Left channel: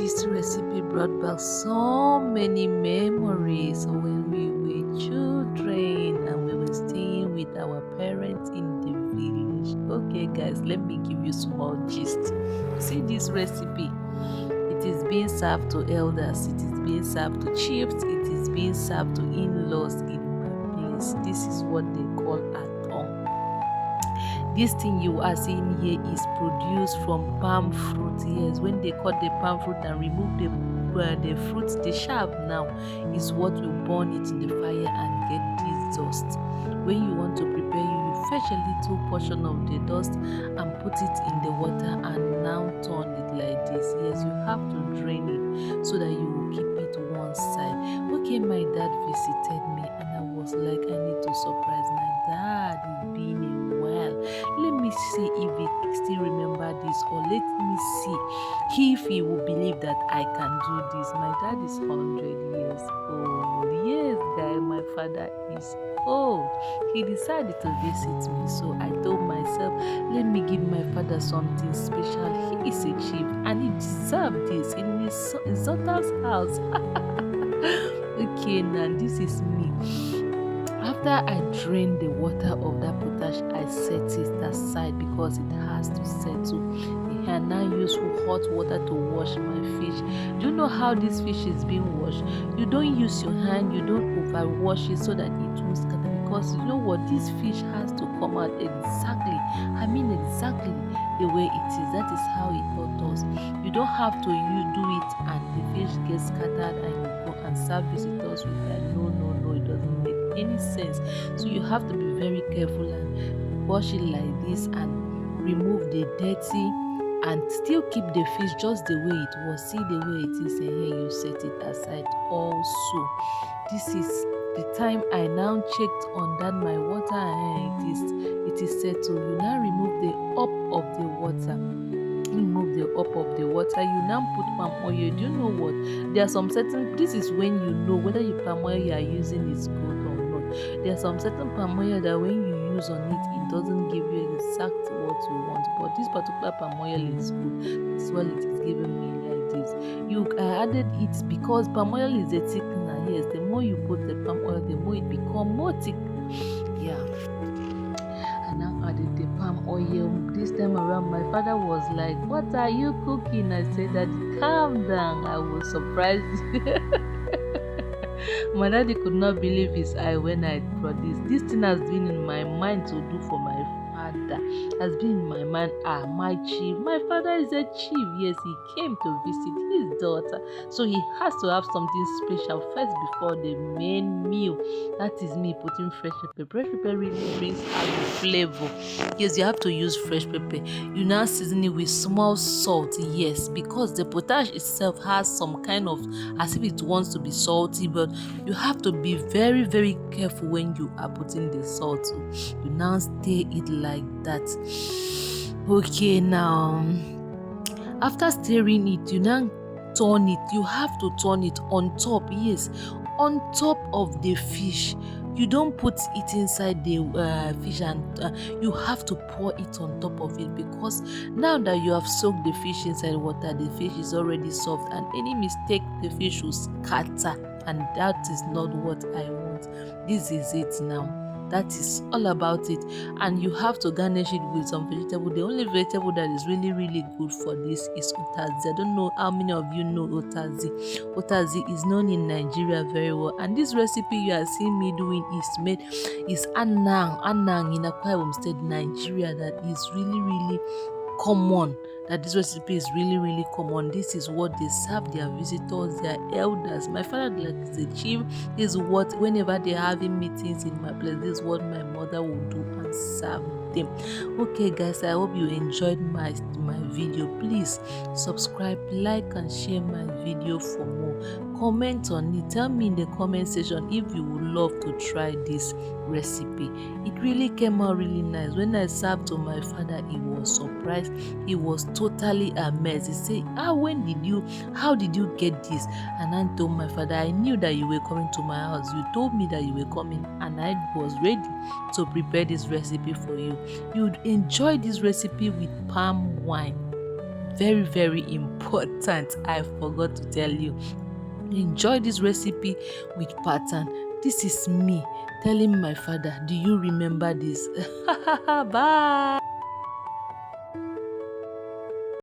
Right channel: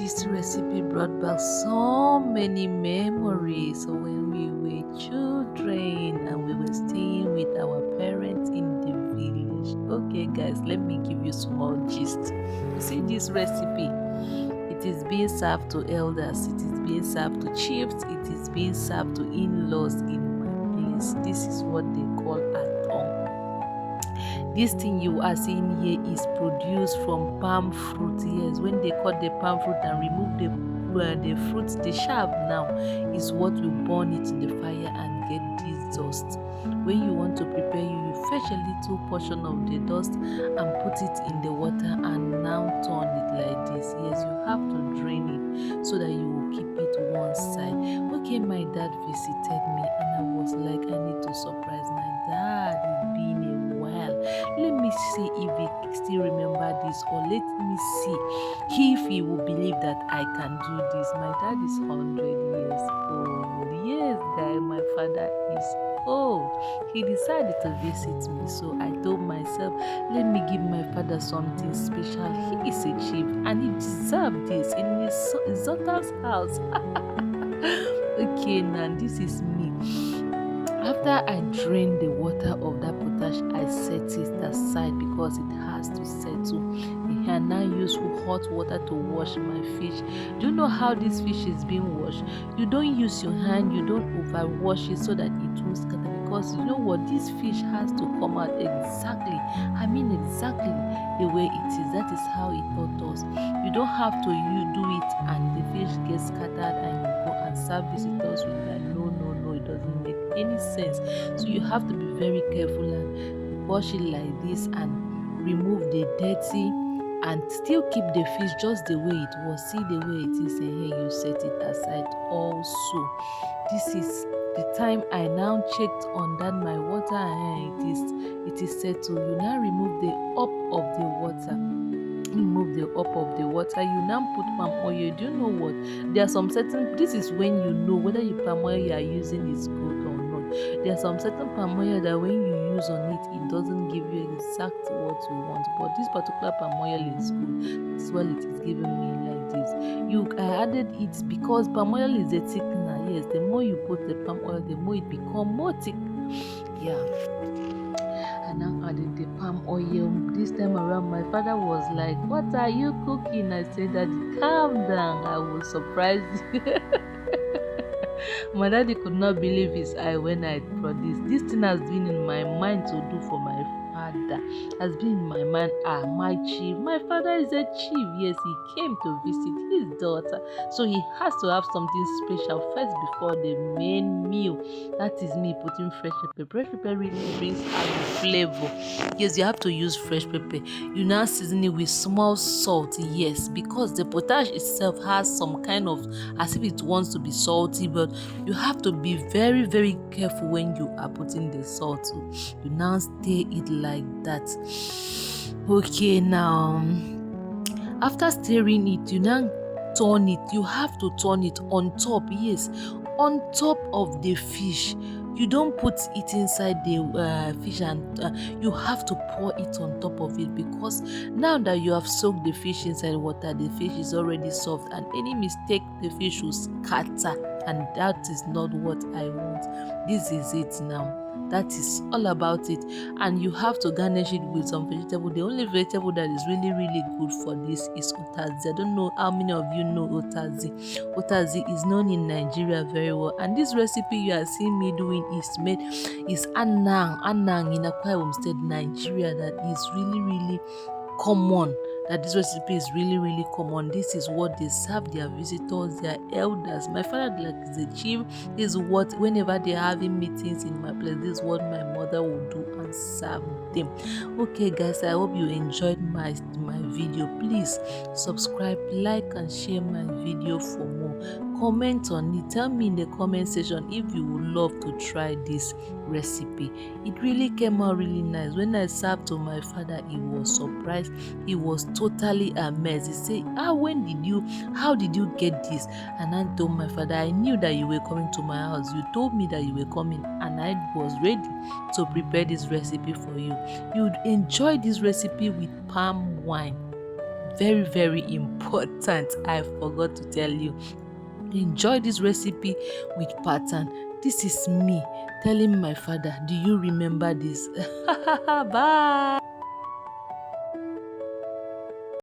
this recipe brought back so many memories of when we were children and we were staying with our parents in the village. Okay, guys, let me give you small gist. You see this recipe? It is being served to elders, it is being served to chiefs, it is being served to in-laws in my place. This is what they call Atong. This thing you are seeing here is produced from palm fruit. Yes, when they cut the palm fruit and remove the fruit, the shaft now is what will burn it in the fire and get this dust. When you want to prepare, you fetch a little portion of the dust and put it in the water and now turn it like this. Yes, you have to drain it so that you will keep it one side. Okay, my dad visited me and I was like, I need to surprise my dad. It's been a while. Let me see if he still remember this, or let me see if he will believe that I can do this. My dad is 100 years old. Yes, guy, my father is old. He decided to visit me, so I told myself, let me give my father something special. He is a chief and he deserves this in his daughter's house. Okay, now this is me. After I drain the water of that potash, I set it aside because it has to settle. I now use hot water to wash my fish. Do you know how this fish is being washed? You don't use your hand, you don't overwash it so that it won't scatter, because you know what, this fish has to come out exactly the way it is. That is how it taught us. You don't have to do it and the fish gets scattered and you go and serve visitors with that. No, it doesn't make any sense. So you have to be very careful and wash it like this and remove the dirty and still keep the fish just the way it was. See the way it is, and here you set it aside also. This is the time I now checked on that my water, and it is settled. You now remove the up of the water. Remove the up of the water. You now put palm oil. Do you know what? There are some certain, this is when you know whether your palm oil you are using is good or not. There are some certain palm oil that when you use on it, it doesn't give you exact what you want, but this particular palm oil is good. This is what it is giving me like this. I added it because palm oil is a thickener. Yes, the more you put the palm oil, the more it become more thick. Yeah. I now added the palm oil. This time around, my father was like, what are you cooking? I said, Daddy, calm down, I will surprise you. My daddy could not believe his eye when I brought this. This thing has been in my mind to do for my father. Has been in my mind. My chief. My father is a chief. Yes, he came to visit his daughter. So he has to have something special first before the main meal. That is me putting fresh pepper. Fresh pepper really brings out the flavor. Yes, you have to use fresh pepper. You now season it with small salt. Yes, because the potash itself has some kind of, as if it wants to be salty, but you have to be very, very careful when you are putting the salt. You now stir it like that. Okay, now after stirring it, you now turn it. You have to turn it on top. Yes, on top of the fish. You don't put it inside the fish, and you have to pour it on top of it, because now that you have soaked the fish inside water, the fish is already soft, and any mistake the fish will scatter, and that is not what I want. This is it now. That is all about it. And you have to garnish it with some vegetable. The only vegetable that is really, really good for this is otazi. I don't know how many of you know otazi. Otazi is known in Nigeria very well. And this recipe you are seeing me doing is anang in Akwa Ibom State, Nigeria. That is really, really common. That this recipe is really, really common. This is what they serve their visitors, their elders. My father, like, is a chief. This is what, whenever they're having meetings in my place, this is what my mother will do and serve them. Okay, guys, I hope you enjoyed my video. Please subscribe, like, and share my video for more. Comment on it. Tell me in the comment section if you would love to try this recipe. It really came out really nice. When I served to my father, he was surprised. He was totally amazed. He said, how did you get this? And I told my father, I knew that you were coming to my house. You told me that you were coming, and I was ready to prepare this recipe for you. You'd enjoy this recipe with palm wine. very, very important. I forgot to tell you. Enjoy this recipe with pattern. This is me telling my father, do you remember this? Bye.